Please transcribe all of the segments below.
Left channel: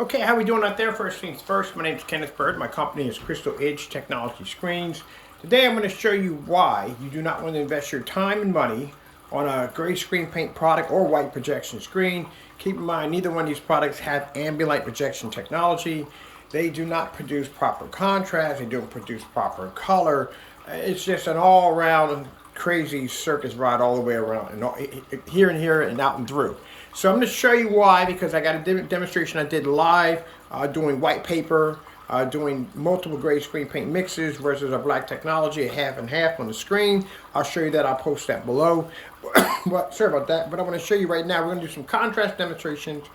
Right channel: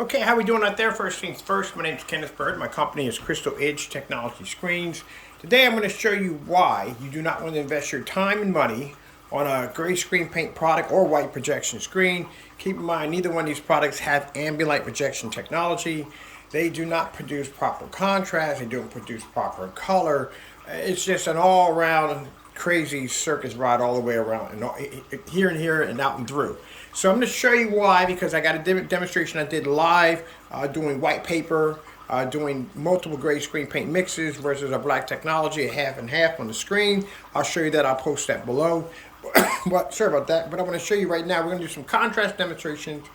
Okay, how we doing out there? First things first, my name is Kenneth Bird. My company is Crystal Edge Technology Screens. Today I'm going to show you why you do not want to invest your time and money on a gray screen paint product or white projection screen. Keep in mind, neither one of these products have ambient light projection technology. They do not produce proper contrast. They don't produce proper color. It's just an all-around crazy circus ride all the way around, and here and here and out and through. So I'm going to show you why, because I got a demonstration I did live doing white paper, doing multiple gray screen paint mixes versus a black technology, a half and half on the screen. I'll show you that. I'll post that below. But sorry about that. But I want to show you right now. We're going to do some contrast demonstrations.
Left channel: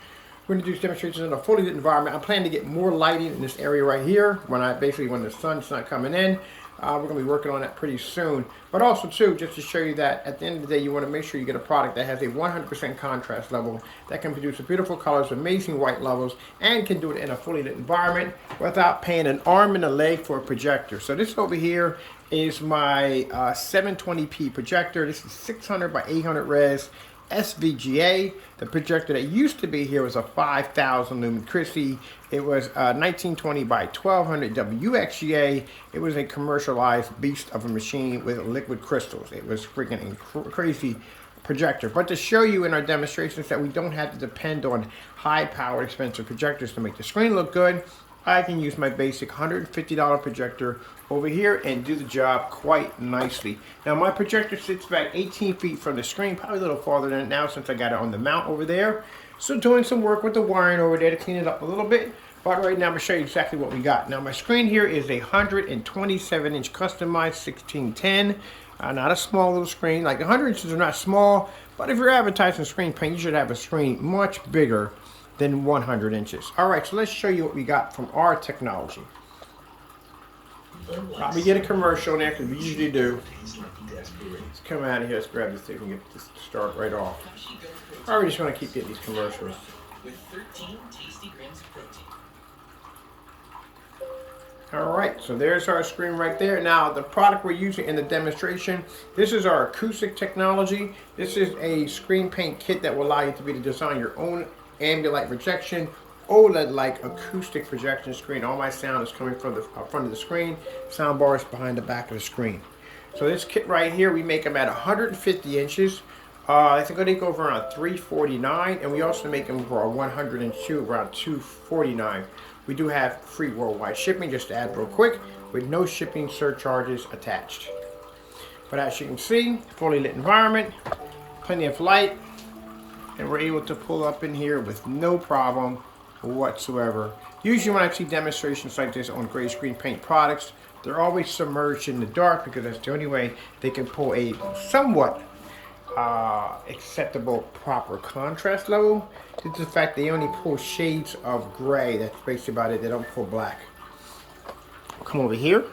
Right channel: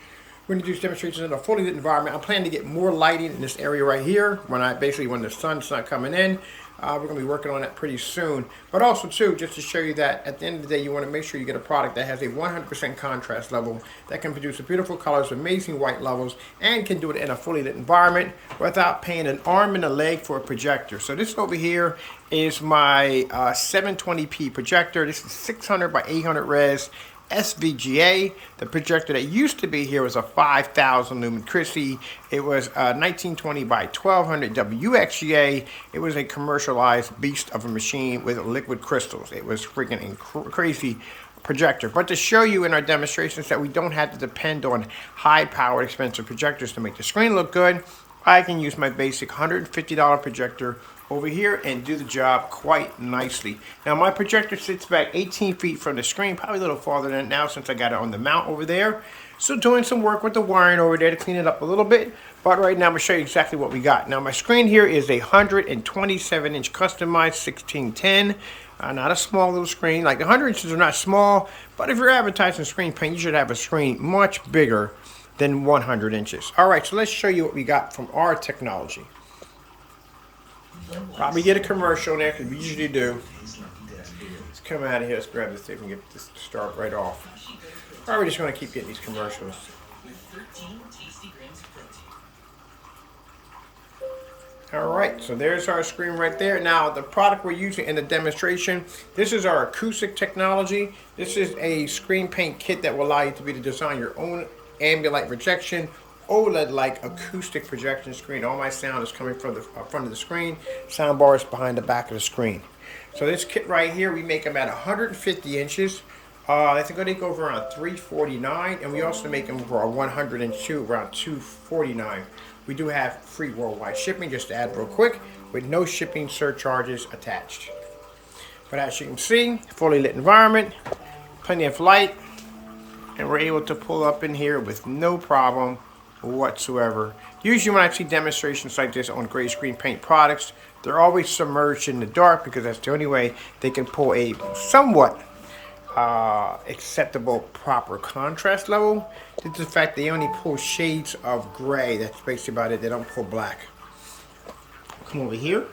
We're going to do demonstrations in a fully lit environment. I'm planning to get more lighting in this area right here when the sun's not coming in. We're going to be working on that pretty soon. But also, too, just to show you that at the end of the day, you want to make sure you get a product that has a 100% contrast level, that can produce beautiful colors, amazing white levels, and can do it in a fully lit environment without paying an arm and a leg for a projector. So this over here is my 720p projector. This is 600 by 800 res. SVGA. The projector that used to be here was a 5,000 lumen Christie. It was 1920 by 1200 WXGA. It was a commercialized beast of a machine with liquid crystals. It was freaking crazy projector. But to show you in our demonstrations that we don't have to depend on high-powered, expensive projectors to make the screen look good, I can use my basic $150 projector over here and do the job quite nicely. Now my projector sits back 18 feet from the screen, probably a little farther than it now since I got it on the mount over there. So doing some work with the wiring over there to clean it up a little bit. But right now I'm going to show you exactly what we got. Now my screen here is a 127-inch customized 1610. Not a small little screen. Like the 100 inches are not small, but if you're advertising screen paint, you should have a screen much bigger than 100 inches. All right, so let's show you what we got from our technology. Probably get a commercial in there, because we usually do. Let's come out of here. Let's grab this thing and get this to start right off. All right, we're just going to keep getting these commercials. All right, so there's our screen right there. Now, the product we're using in the demonstration, this is our acoustic technology. This is a screen paint kit that will allow you to design your own ambient light projection, OLED-like acoustic projection screen. All my sound is coming from the front of the screen. Sound bar is behind the back of the screen. So this kit right here, we make them at 150 inches. I think they go for around $349, and we also make them for 102, around $249. We do have free worldwide shipping, just to add real quick, with no shipping surcharges attached. But as you can see, fully lit environment, plenty of light, and we're able to pull up in here with no problem whatsoever. Usually when I see demonstrations like this on gray screen paint products, they're always submerged in the dark, because that's the only way they can pull a somewhat acceptable proper contrast level. Due to the fact they only pull shades of gray. That's basically about it. They don't pull black. Come over here.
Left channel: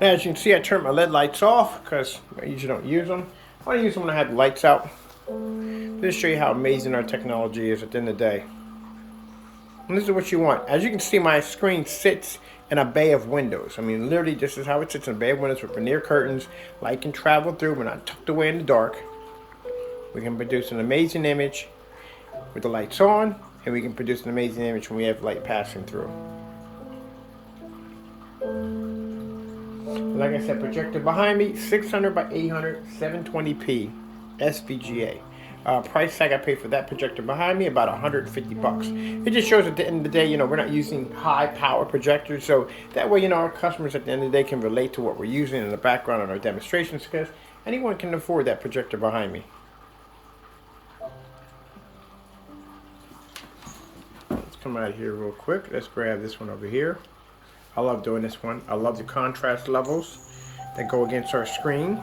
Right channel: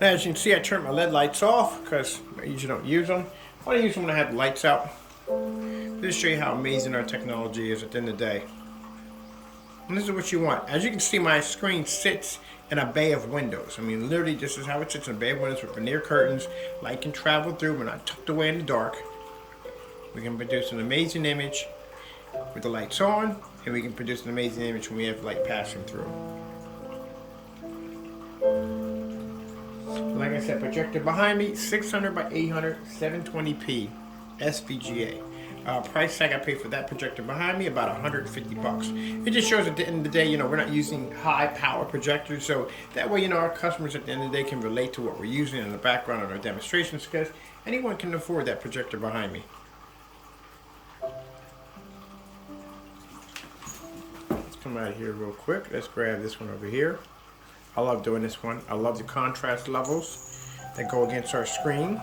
As you can see, I turned my LED lights off because I usually don't use them. I use them when I have the lights out. Just to show you how amazing our technology is at the end of the day. And this is what you want. As you can see, my screen sits in a bay of windows. I mean, literally, this is how it sits in a bay of windows with veneer curtains. Light can travel through. We're not tucked away in the dark. We can produce an amazing image with the lights on, and we can produce an amazing image when we have light passing through. Like I said, projector behind me, 600 by 800, 720p, SVGA. Price tag I paid for that projector behind me, about 150 bucks. It just shows at the end of the day, we're not using high power projectors, so that way, our customers at the end of the day can relate to what we're using in the background on our demonstrations, because anyone can afford that projector behind me. Let's come out here real quick. Let's grab this one over here. I love doing this one. I love the contrast levels that go against our screen.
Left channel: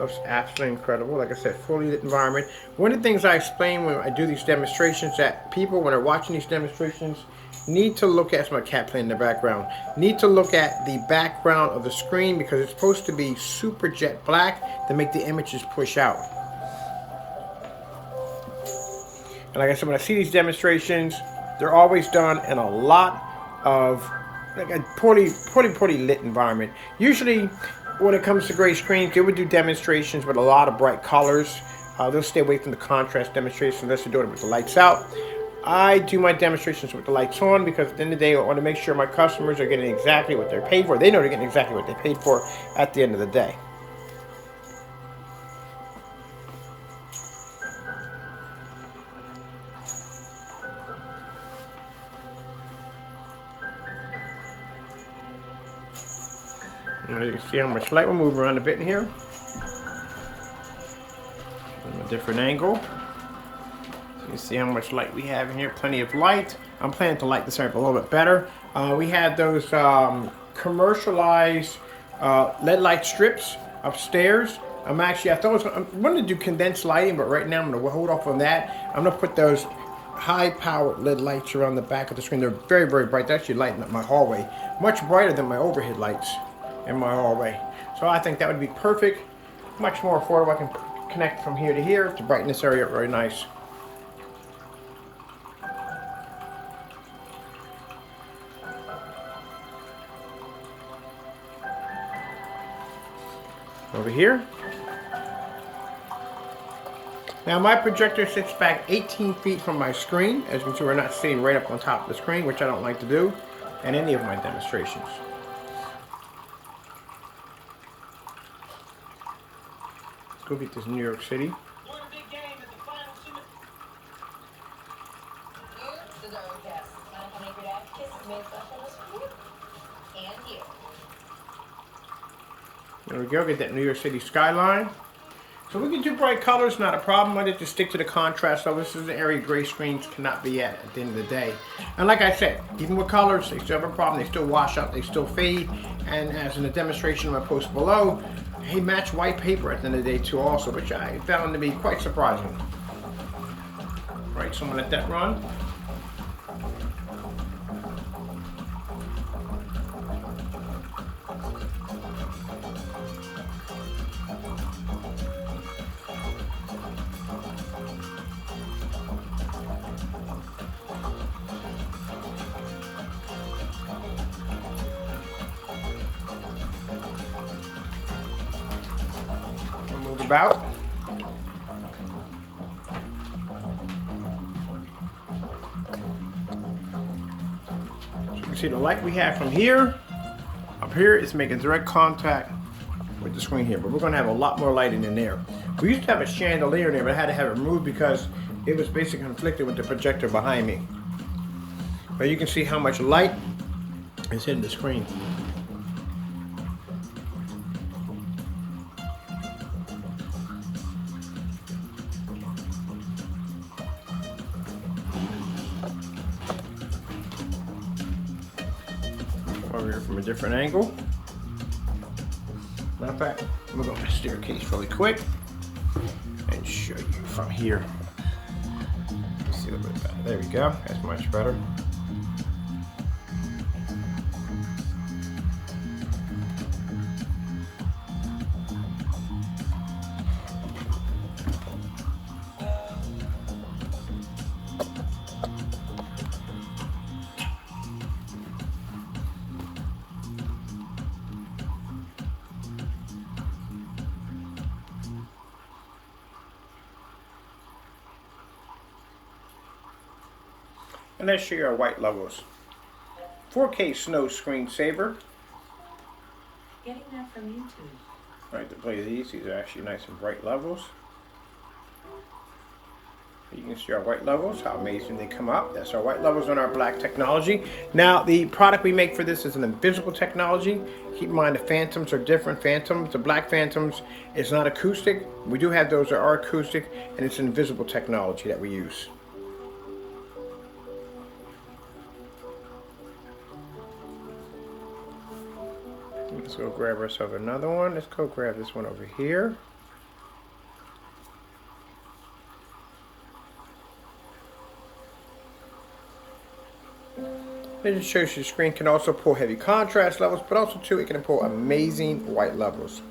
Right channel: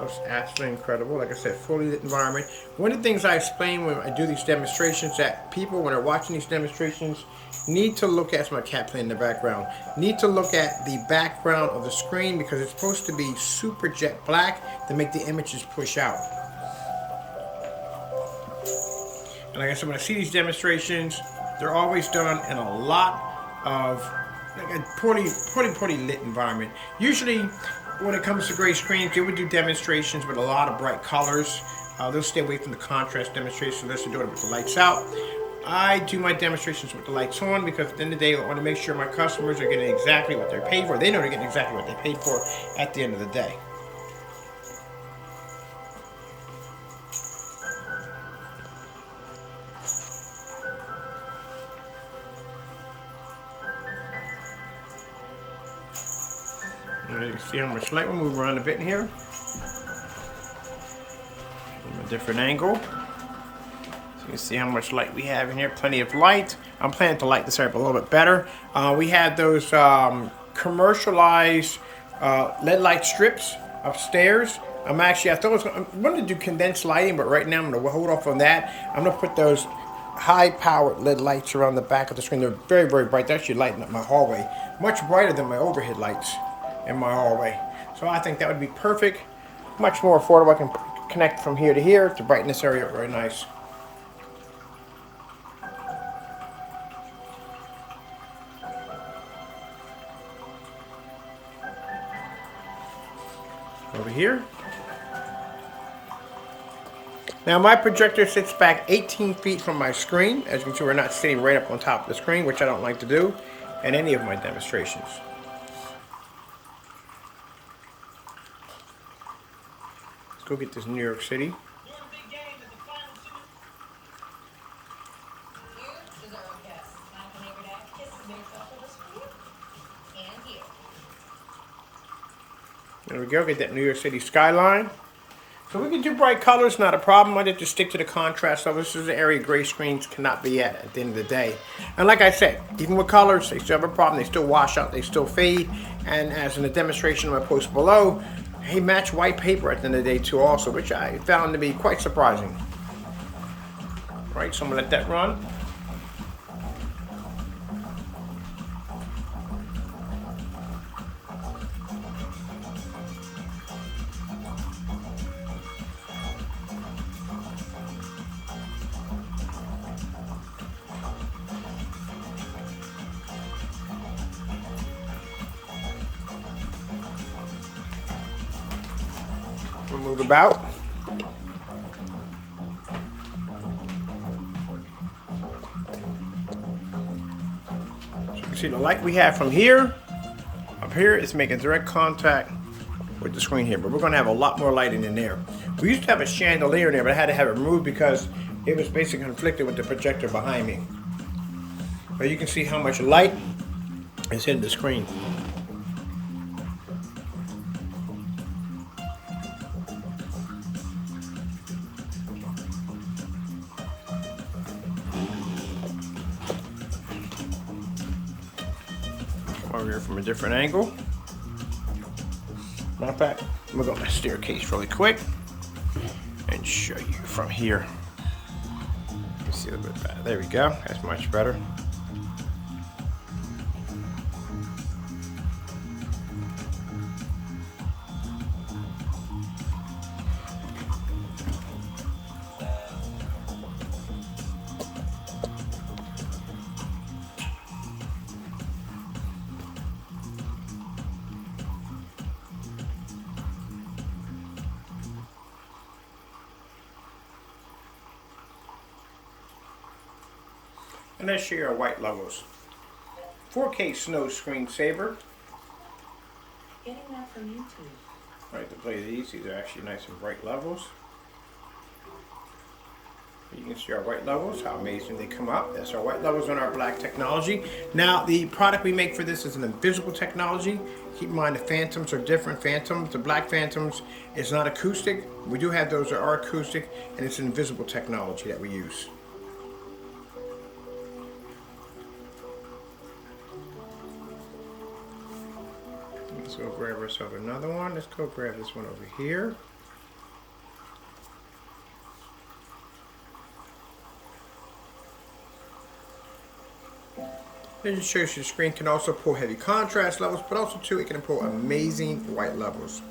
Looks absolutely incredible. Like I said, fully lit environment. One of the things I explain when I do these demonstrations, that people, when they're watching these demonstrations, need to look at, my cat playing in the background, need to look at the background of the screen, because it's supposed to be super jet black to make the images push out. And like I said, when I see these demonstrations, they're always done in a lot of like a poorly lit environment. Usually when it comes to gray screens, they would do demonstrations with a lot of bright colors. They'll stay away from the contrast demonstration unless they're doing it with the lights out. I do my demonstrations with the lights on because at the end of the day, I want to make sure my customers are getting exactly what they're paid for. They know they're getting exactly what they paid for at the end of the day. You see how much light will move around a bit in here. From a different angle. So you can see how much light we have in here. Plenty of light. I'm planning to light this up a little bit better. We have those commercialized LED light strips upstairs. I wanted to do condensed lighting, but right now I'm going to hold off on that. I'm going to put those high-powered LED lights around the back of the screen. They're very, very bright. They're actually lighting up my hallway. Much brighter than my overhead lights in my hallway. So I think that would be perfect. Much more affordable. I can connect from here to here to brighten this area up very nice. Over here. Now my projector sits back 18 feet from my screen. As you can see, we're not sitting right up on top of the screen, which I don't like to do in any of my demonstrations. Let's go get this New York City. There we go, get that New York City skyline. So we can do bright colors, not a problem. I just stick to the contrast level. This is the area gray screens cannot be at the end of the day. And like I said, even with colors, they still have a problem. They still wash out, they still fade. And as in the demonstration I'm going to post below, they match white paper at the end of the day too also, which I found to be quite surprising. Right, so I'm going to let that run. Move about. So you can see the light we have from here, up here, is making direct contact with the screen here, but we're going to have a lot more lighting in there. We used to have a chandelier in there, but I had to have it removed because it was basically conflicted with the projector behind me. But you can see how much light is hitting the screen. Over here from a different angle. Matter of fact, I'm gonna go on the staircase really quick and show you from here. You see a little bit better. There we go. That's much better. And let's show you our white levels. 4K Snow Screensaver. Getting that from YouTube. Right, to play these are actually nice and bright levels. You can see our white levels, how amazing they come up. That's our white levels on our black technology. Now, the product we make for this is an invisible technology. Keep in mind the phantoms are different. Phantoms, the black phantoms is not acoustic. We do have those that are acoustic, and it's an invisible technology that we use. Let's go grab ourselves another one. Let's go grab this one over here. It just shows you the screen can also pull heavy contrast levels, but also too it can pull amazing white levels.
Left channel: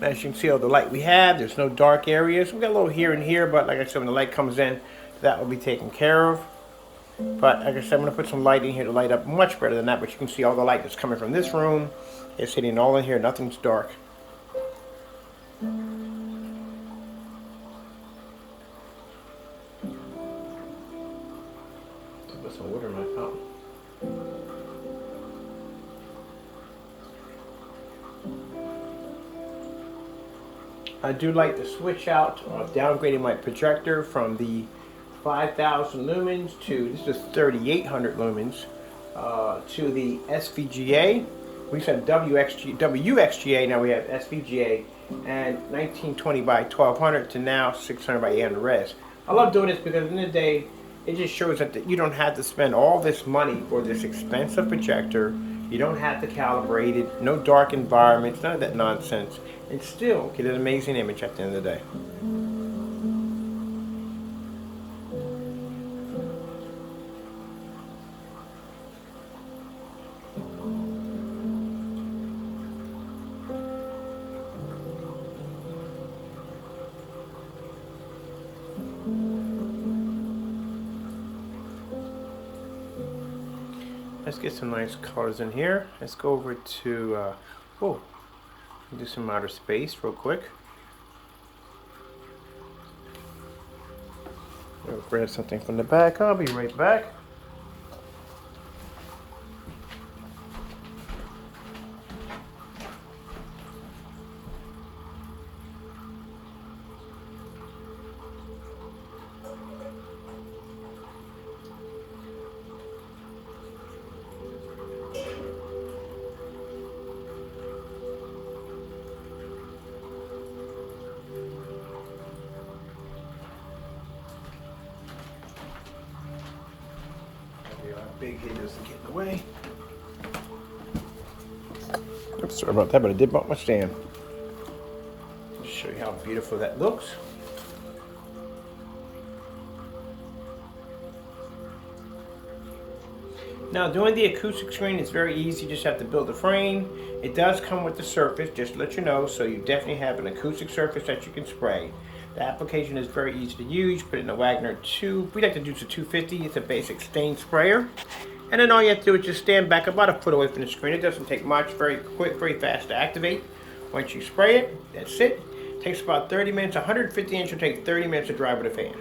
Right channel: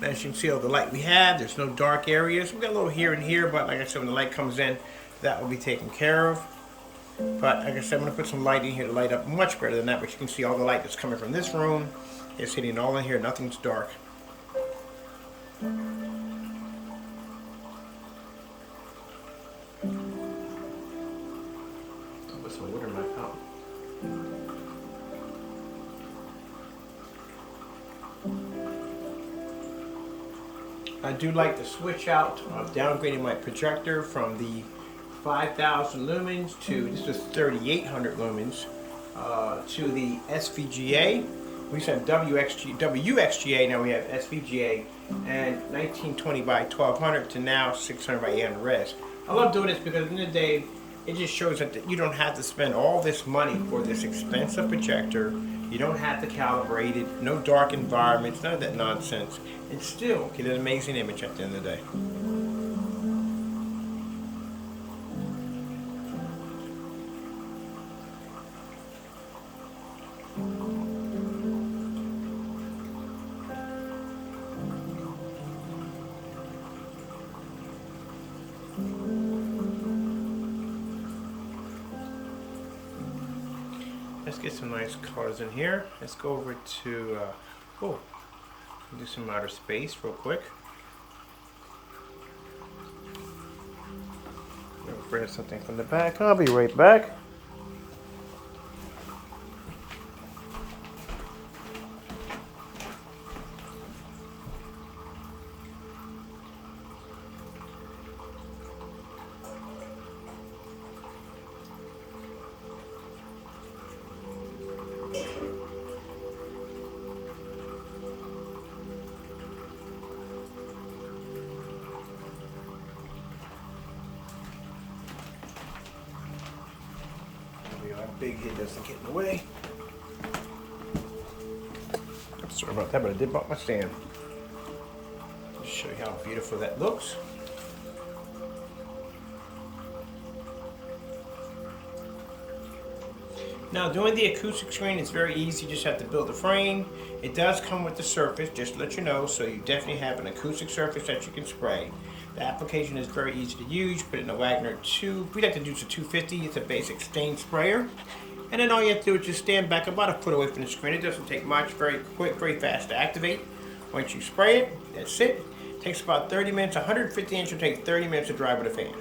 As you can see all the light we have, there's no dark areas. We got a little here and here, but like I said, when the light comes in, that will be taken care of. But like I said, I'm going to put some light in here to light up much better than that, but you can see all the light that's coming from this room. It's hitting all in here, nothing's dark. I'll put some wood in my fountain. I do like to switch out of downgrading my projector from the 5,000 lumens to, this is 3,800 lumens, to the SVGA. We used to have WXGA, now we have SVGA, and 1920 by 1200 to now 600 by 800 res. I love doing this because at the end of the day, it just shows that you don't have to spend all this money for this expensive projector. You don't have to calibrate it, no dark environments, none of that nonsense, and still get an amazing image at the end of the day. Let's get some nice colors in here. Let's go over to, do some outer space real quick. We'll grab something from the back. I'll be right back. Big head doesn't get in the way. Oops, sorry about that, but I did bump my stand. Let's show you how beautiful that looks. Now, doing the acoustic screen is very easy. You just have to build a frame. It does come with the surface, just to let you know, so you definitely have an acoustic surface that you can spray. The application is very easy to use. Put it in a Wagner 2. We like to use a 250. It's a basic stain sprayer. And then all you have to do is just stand back about a foot away from the screen. It doesn't take much. Very quick, very fast to activate. Once you spray it, that's it. It takes about 30 minutes. 150 inch will take 30 minutes to dry with a fan.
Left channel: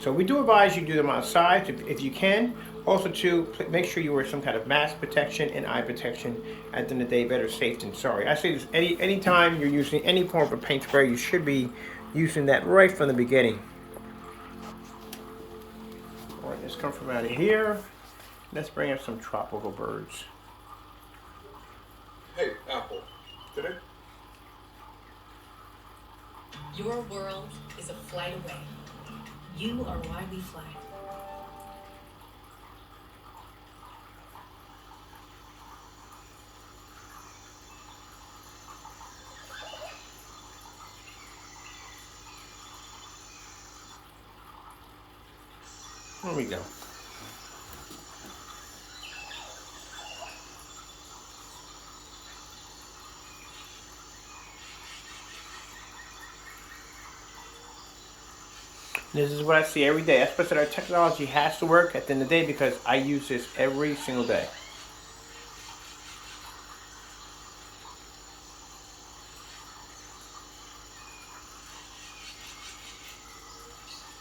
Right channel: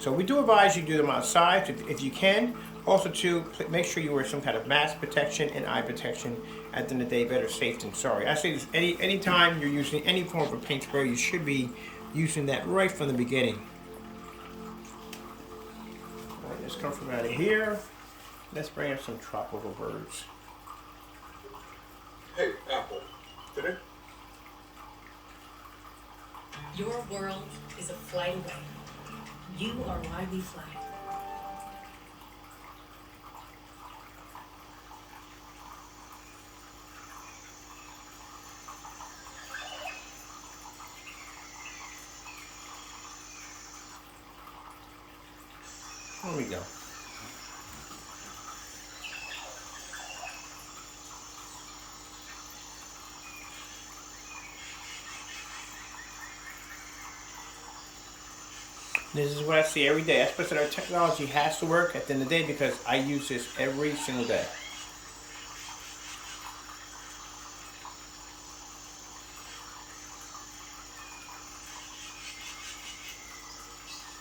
So we do advise you do them outside if you can. Also, to make sure you wear some kind of mask protection and eye protection. At the end of the day, better safe than sorry. I say this anytime you're using any form of a paint spray, you should be using that right from the beginning. All right, let's come from out of here. Let's bring up some tropical birds. Hey, Apple. Today? Your world is a flight away. You are why we fly. There we go. This is what I see every day. That's why I said our technology has to work at the end of the day because I use this every single day.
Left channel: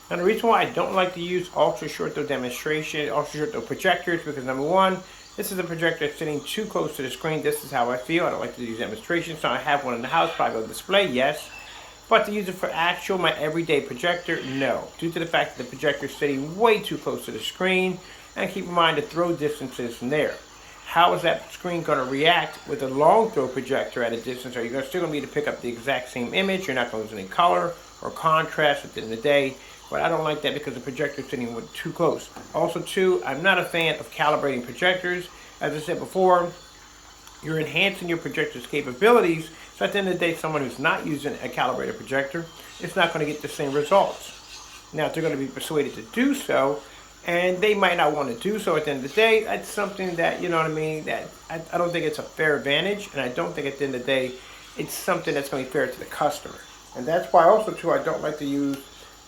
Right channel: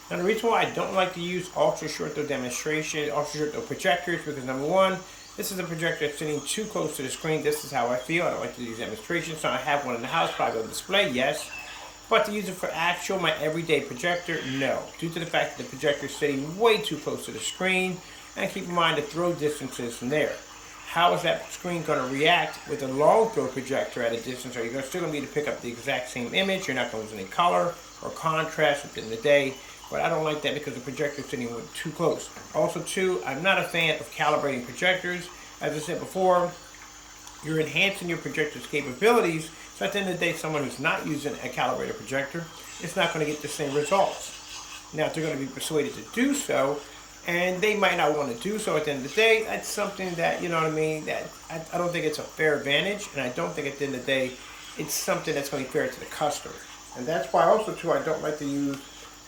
Now the reason why I don't like to use ultra short throw demonstration, ultra short throw projectors, because number one, this is a projector sitting too close to the screen. This is how I feel. I don't like to use demonstrations. So I have one in the house, probably on display, yes. But to use it for actual, my everyday projector, no. Due to the fact that the projector is sitting way too close to the screen, and keep in mind the throw distances from there. How is that screen going to react with a long throw projector at a distance? Are you still going to be able to pick up the exact same image? You're not going to lose any color or contrast at the end of the day. But I don't like that because the projector is sitting too close. Also, too, I'm not a fan of calibrating projectors. As I said before, you're enhancing your projector's capabilities. So at the end of the day, someone who's not using a calibrated projector is not going to get the same results. Now, if they're going to be persuaded to do so, and they might not want to do so at the end of the day, that's something that, you know what I mean, that I don't think it's a fair advantage, and I don't think at the end of the day, it's something that's going to be fair to the customer. And that's why also, too, I don't like to use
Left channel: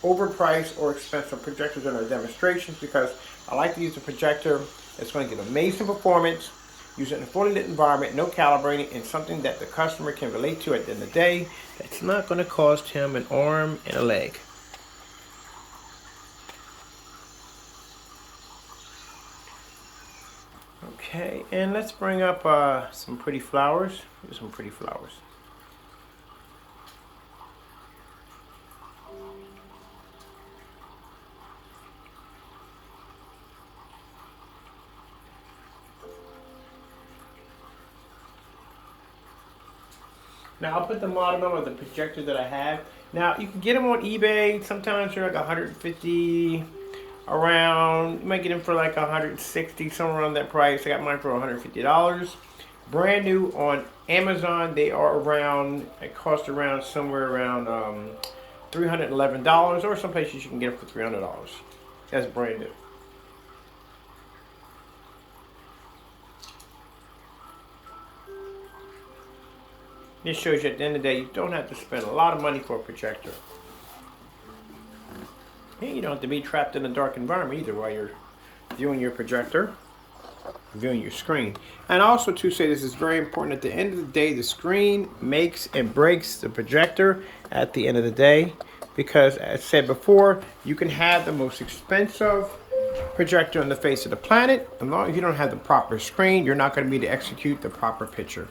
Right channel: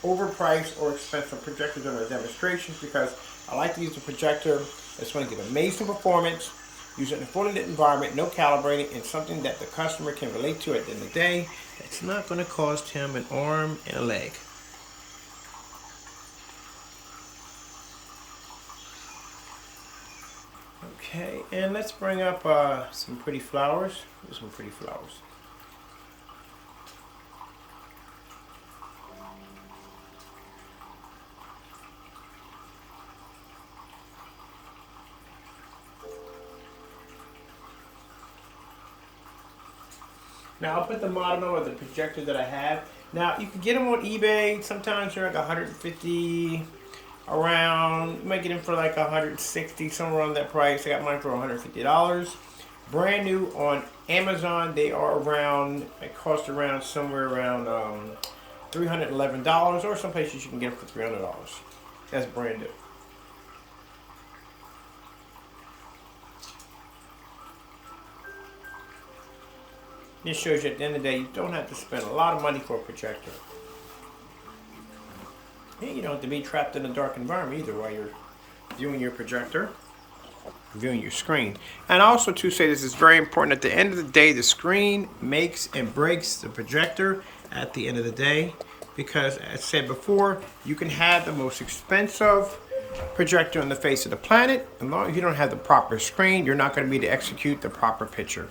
overpriced or expensive projectors in our demonstrations because I like to use a projector that's going to give amazing performance, use it in a fully lit environment, no calibrating, and something that the customer can relate to at the end of the day. That's not going to cost him an arm and a leg. Okay, and let's bring up some pretty flowers. Here's some pretty flowers. Now I'll put the model number of the projector that I have. Now you can get them on eBay. Sometimes they're like 150 around. You might get them for like 160, somewhere around that price. I got mine for $150. Brand new on Amazon. They are around. It costs around somewhere around $311, or some places you can get them for $300. That's brand new. This shows you at the end of the day, you don't have to spend a lot of money for a projector. And you don't have to be trapped in a dark environment either while you're viewing your projector, viewing your screen. And also to say this is very important, at the end of the day, the screen makes and breaks the projector at the end of the day. Because as I said before, you can have the most expensive projector on the face of the planet. As long as you don't have the proper screen, you're not going to be able to execute the proper picture.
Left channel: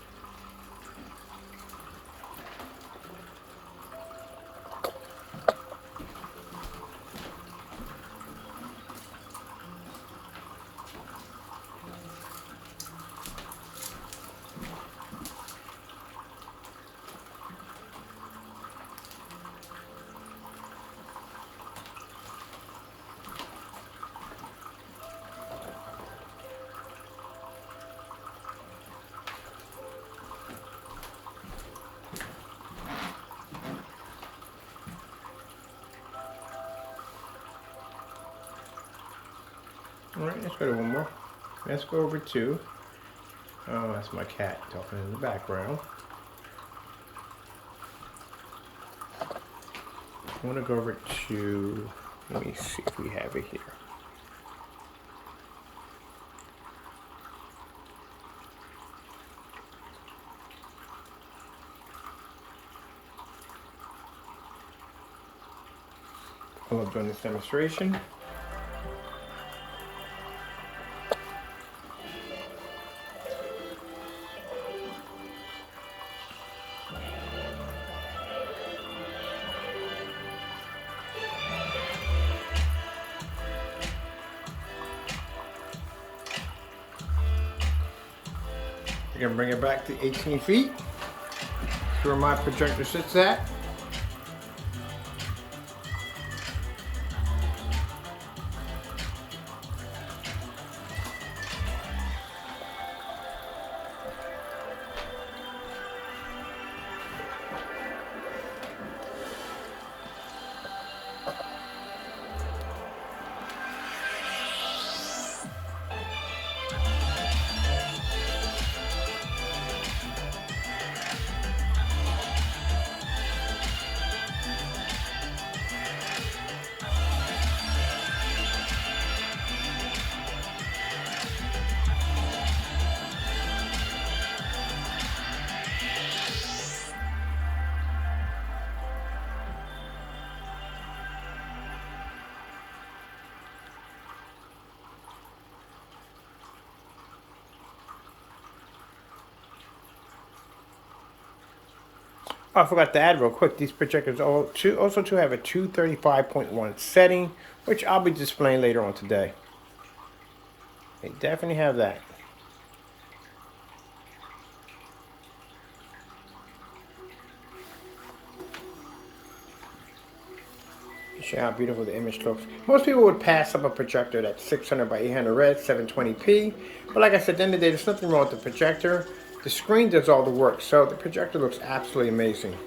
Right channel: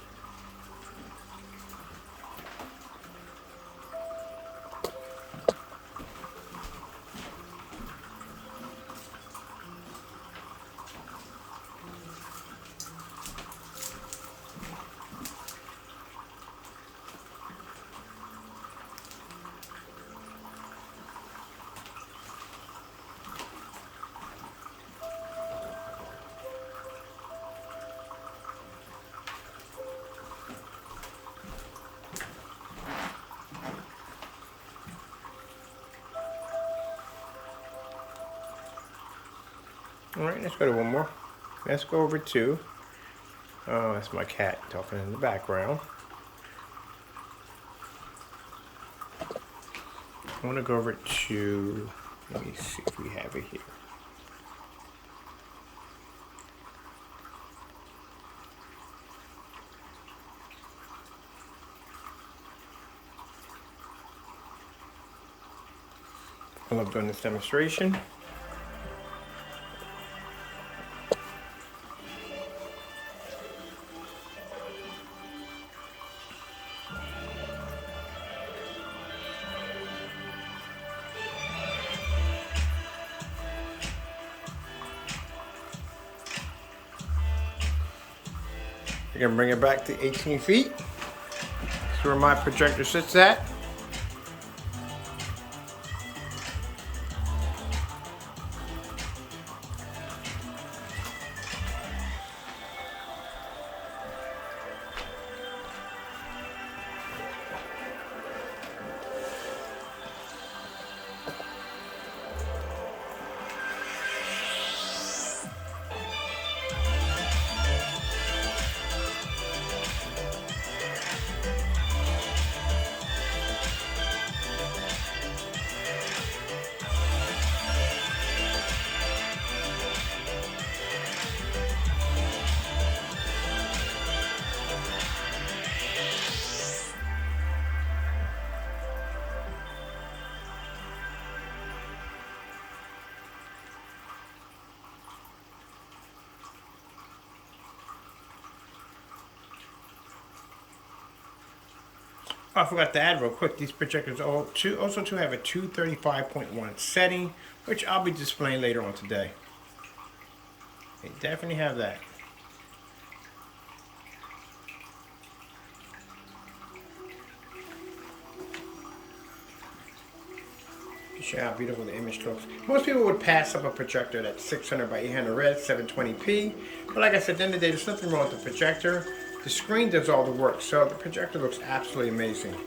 All right, let's go to one more. Let's go over to, oh, that's my cat talking in the background. I want to go over to, let me see if we have it here. I love doing this demonstration. You're gonna bring it back to 18 feet. That's where my projector sits at. Oh, I forgot to add real quick, these projectors also have a 235.1 setting, which I'll be displaying later on today. They definitely have that. Show how beautiful the image looks. Most people would pass up a projector that's 600 by 800 red, 720p. But like I said, at the end of the day, there's nothing wrong with the projector. The screen does all the work, so the projector looks absolutely amazing.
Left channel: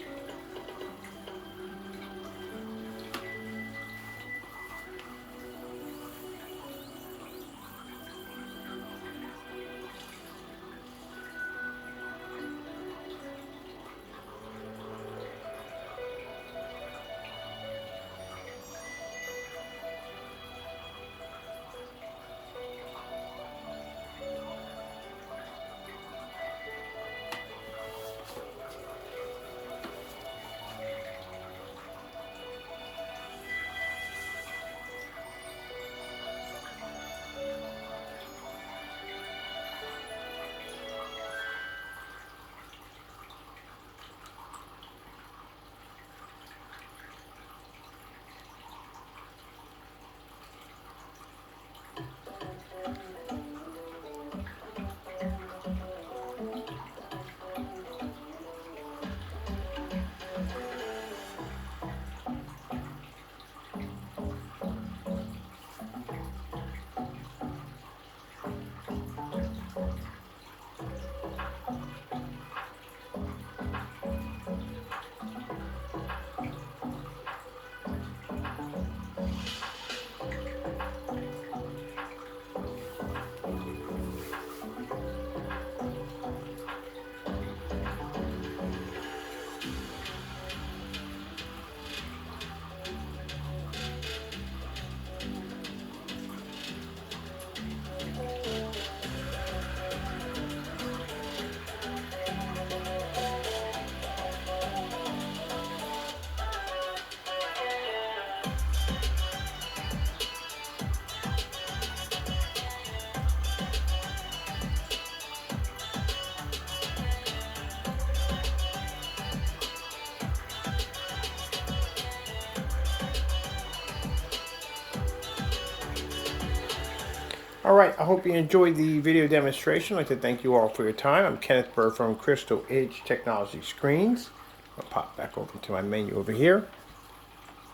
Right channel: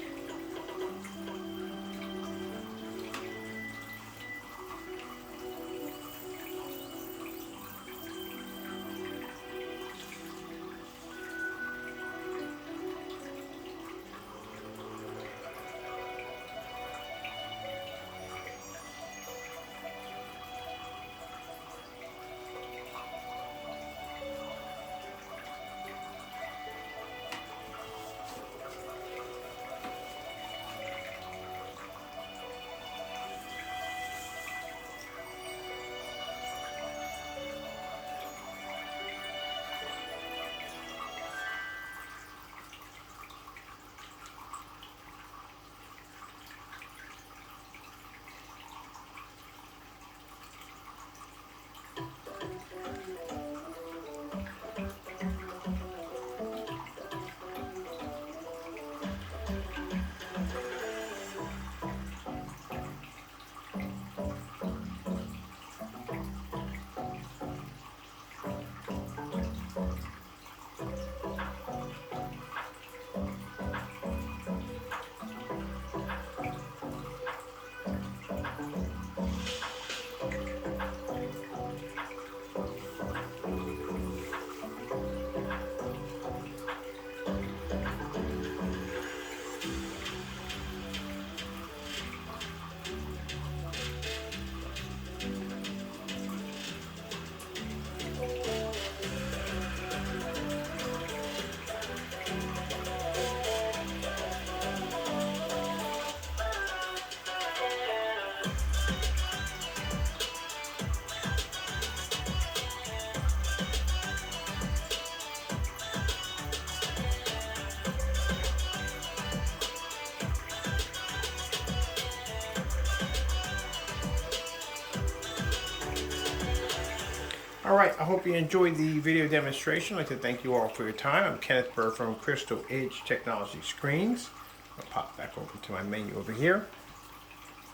All right, I hope you enjoyed the video demonstration. I'd like to thank you all for your time. I'm Kenneth Bird from Crystal Edge Technology Screens. I'll pop back over to my menu over here.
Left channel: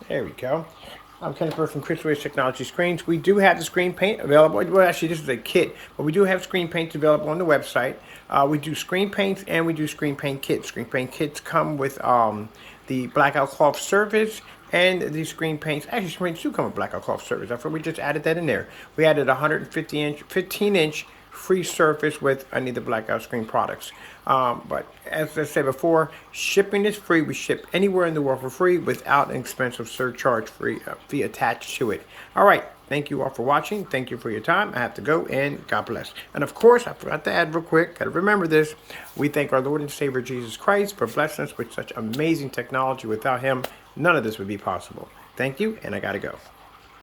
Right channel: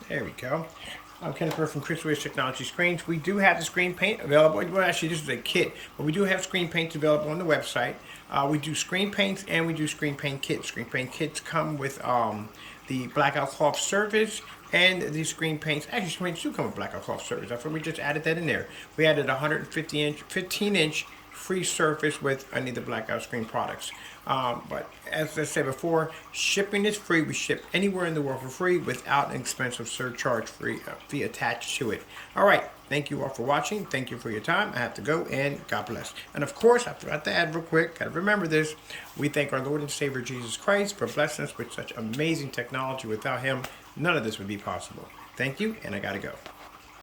There we go. I'm Kenneth Bird from Crystal Edge Technology Screens. We do have the screen paint available. Well, actually, this is a kit, but we do have screen paints available on the website. We do screen paints and we do screen paint kits. Screen paint kits come with the blackout cloth surface and the screen paints. Actually, screen paints do come with blackout cloth surface. That's why we just added that in there. We added 15-inch free surface with any of the blackout screen products. But as I said before, shipping is free. We ship anywhere in the world for free without an expensive surcharge fee attached to it. All right. Thank you all for watching. Thank you for your time. I have to go, and God bless. And of course, I forgot to add real quick, gotta remember this. We thank our Lord and Savior Jesus Christ for blessing us with such amazing technology. Without him, none of this would be possible. Thank you, and I gotta go.